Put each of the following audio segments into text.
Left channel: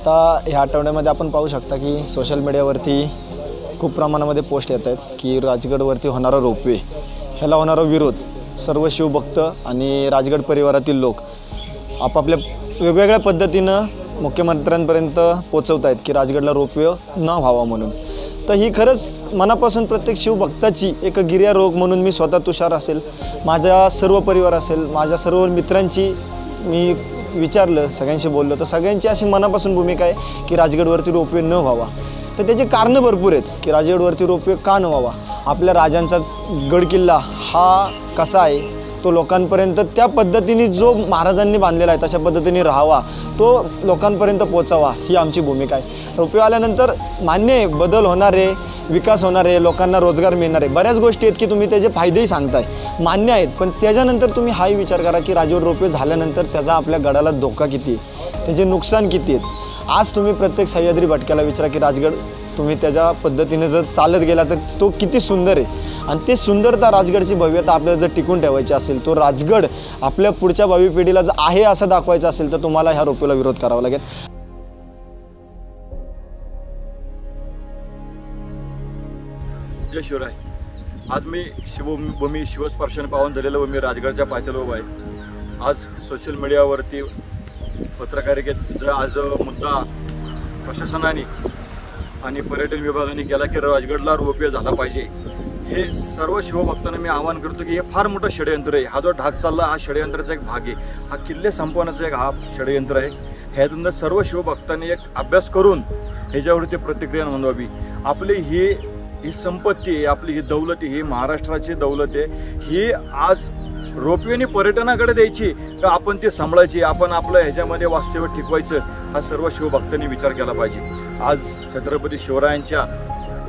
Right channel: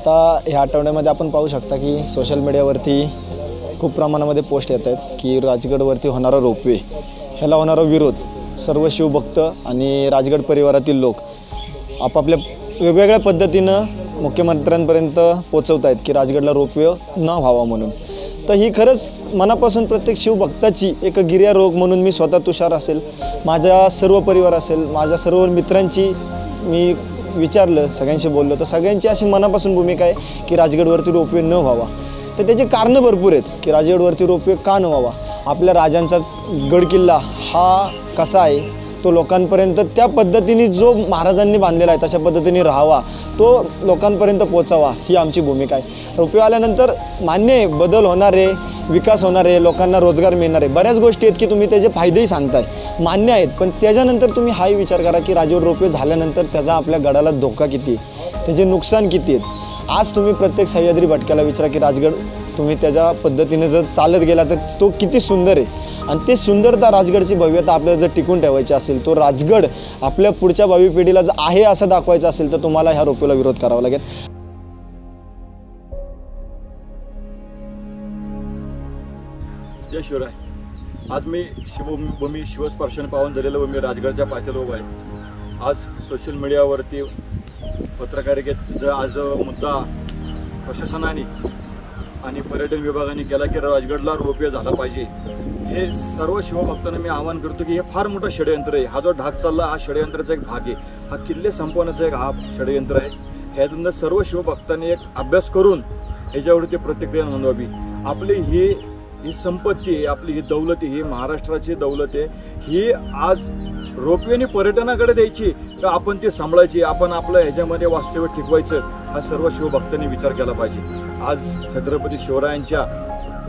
आता ह्या आठवड्यामध्ये आपण पाहू शकता की सोशल मीडियावरती खूप प्रमाणामध्ये पोस्ट येत आहेत की राजगडवरती होणारा रोपवे ह्याला होणारा विरोध सर्व शिवभक्त आणि राजगड परिवारातील लोक आपापल्या वेगवेगळ्या पद्धतीनं मुख्यमंत्र्यांपर्यंत पोचवत आहेत की राजगडला रोपवे न व्हावा म्हणून। तर ही खरंच मनापासून प्रत्येक शिवभक्ताची एक गिर्यारोग म्हणून मी स्वतः तुषार असेल, माझा सर्व परिवार असेल, माझ्या सर्व मित्रांची मी विचारलं, सगळ्यांशी बोललो तर सगळ्यांची अशी मनापासून भूमिका आहे की राजगडवरती रोपवे न व्हावा। तर त्याचे कारणं भरपूर आहेत की राजगडवरती रोपवे का न व्हावा। आपल्या राजांचा गडकिल्ला हा कसा आहे तो लोकांपर्यंत त्या पद्धतीने जो महाराजांनी बांधलेला आहे तशा पद्धतीने राहावा, तो लोकांपर्यंत पोचावा ही आमची भूमिका आहे। रोपवे आल्यानंतर मान्य आहे बदल होणार आहे, विकास होणार आहे, लोकांना रोजगार मिळणार आहे, बऱ्याच गोष्टी आहेत की तुम्ही त्याचे फायदेही सांगताय मान्य आहेत, पण त्याच्यानंतर तुम्ही हाही विचार करा की राजगड रोपवे झाल्यानंतर त्याचा आपल्या गडाला धोका किती आहे, त्याचे नुकसान किती आहेत। आज तुम्ही प्रत्येक सह्याद्री भटक्याला विचारा की राजगड तुम्ही त्याच्या पद्धतीने जर चालत गेला तर तो किती सुंदर आहे आणि ते सुंदरता राजगडची भव्यता आपल्याला जर टिकून ठेवायची असेल, तो राजगड आपल्या पुढच्या भावी पिढीला जर आहे असं दाखवायचं असेल तर तुम्हाला ह्या रोपवेला विरोध करावा लागेल। जय शिवराय। आज मी शिवभूमी शिवस्पर्शाने पाहून झालेलो मी राजगडच्या पायथ्याला उभा आहे। आज सोशल मीडियावरती पत्रकारितेत जो आज मुद्दा प्रशासनाने आणि पर्यटन विभागाने केला की राजगडला रोपवे झाला पाहिजे, हे सर्व शिवभक्तांना मी आवाहन करतो की हे फार मोठं षडयंत्र आहे। हा जो ढाक चालला हा षडयंत्राचा एक भाग आहे, हा किल्ले संपवण्याचा एक हा षडयंत्र आहे। ह्यातून सर्व शिवभक्तांनी एक अभ्यास करून ह्याच्यावरती प्रतिक्रिया नोंदवावी। आपली ही संपत्ती आहे, आपली ही दौलत आहे, ही महाराष्ट्राची दौलत आहे, ही आज रोपवेने पर्यटनाकडे द्यायची का आपण ती सांभाळायची, आपण आपलं ह्याच्यामध्ये वास्तव्य टिकवायचं, हा सर्व शिवभक्तांनी विचार केला पाहिजे। आज छत्रपती शिवरायांच्या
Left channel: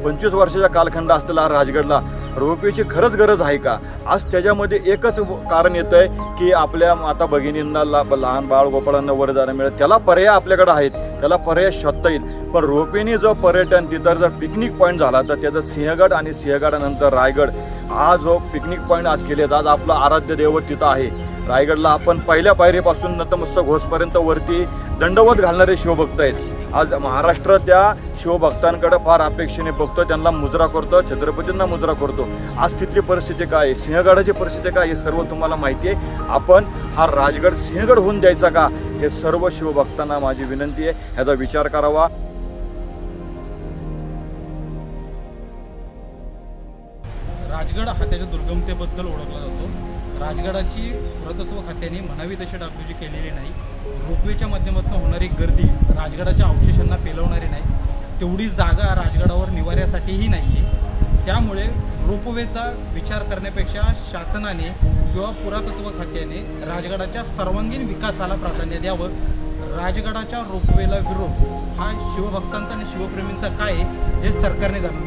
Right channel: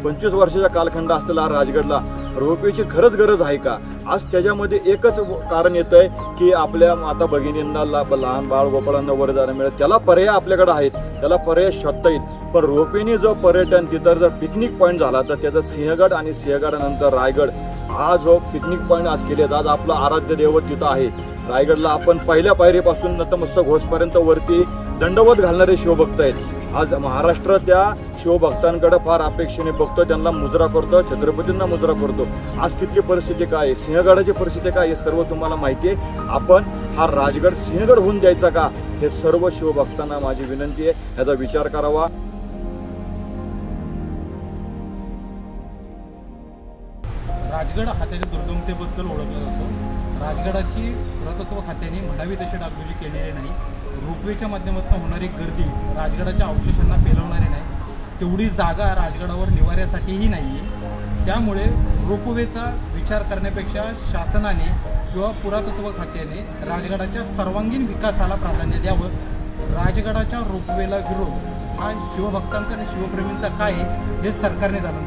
25 वर्षाचा कालखंड असलेला राजगडला रोपवेची खरंच गरज आहे का? आज त्याच्यामध्ये एकच कारण येतं आहे की आपल्या माता भगिनींना लहान बाळ गोपाळांना वर जाणं मिळेल, त्याला पर्याय आपल्याकडे आहेत, त्याला पर्याय शोधता येईल। पण रोपवेने जो पर्यटन तिथं जर पिकनिक पॉईंट झाला तर त्याचं सिंहगड आणि सिंहगडानंतर रायगड हा जो पिकनिक पॉईंट आज केलेत, आज आपलं आराध्य दैवत तिथं आहे। रायगडला आपण पहिल्या पायरीपासून नतमस्तक होसपर्यंत वरती दंडवत घालणारे शिवभक्त आहेत। आज महाराष्ट्र त्या शिवभक्तांकडे फार अपेक्षेने बघतो, त्यांना मुजरा करतो, छत्रपतींना मुजरा करतो। आज तिथली परिस्थिती काय आहे, सिंहगडाची परिस्थिती काय, हे सर्व तुम्हाला माहिती आहे। आपण हा राजगड सिंहगड होऊन द्यायचा का, हे सर्व शिवभक्तांना माझी विनंती आहे, ह्याचा विचार करावा। राजगड हा त्याच्या दुर्गमतेबद्दल ओळखला जातो। राजगडाची पुरातत्व खात्याने म्हणावी तशी डागडुजी केलेली नाही। रोपवेच्या माध्यमातून होणारी गर्दी राजगडाच्या अवशेषांना पेलवणारी नाही, तेवढी जागा राजगडावर निवाऱ्यासाठीही नाही आहे। त्यामुळे रोपवेचा विचार करण्यापेक्षा शासनाने किंवा पुरातत्व खात्याने राजगडाच्या सर्वांगीण विकासाला प्राधान्य द्यावं। राजगडाच्या रोपवेला विरोध हा शिवभक्तांचा आणि शिवप्रेमींचा काय आहे हे सरकारने जाणून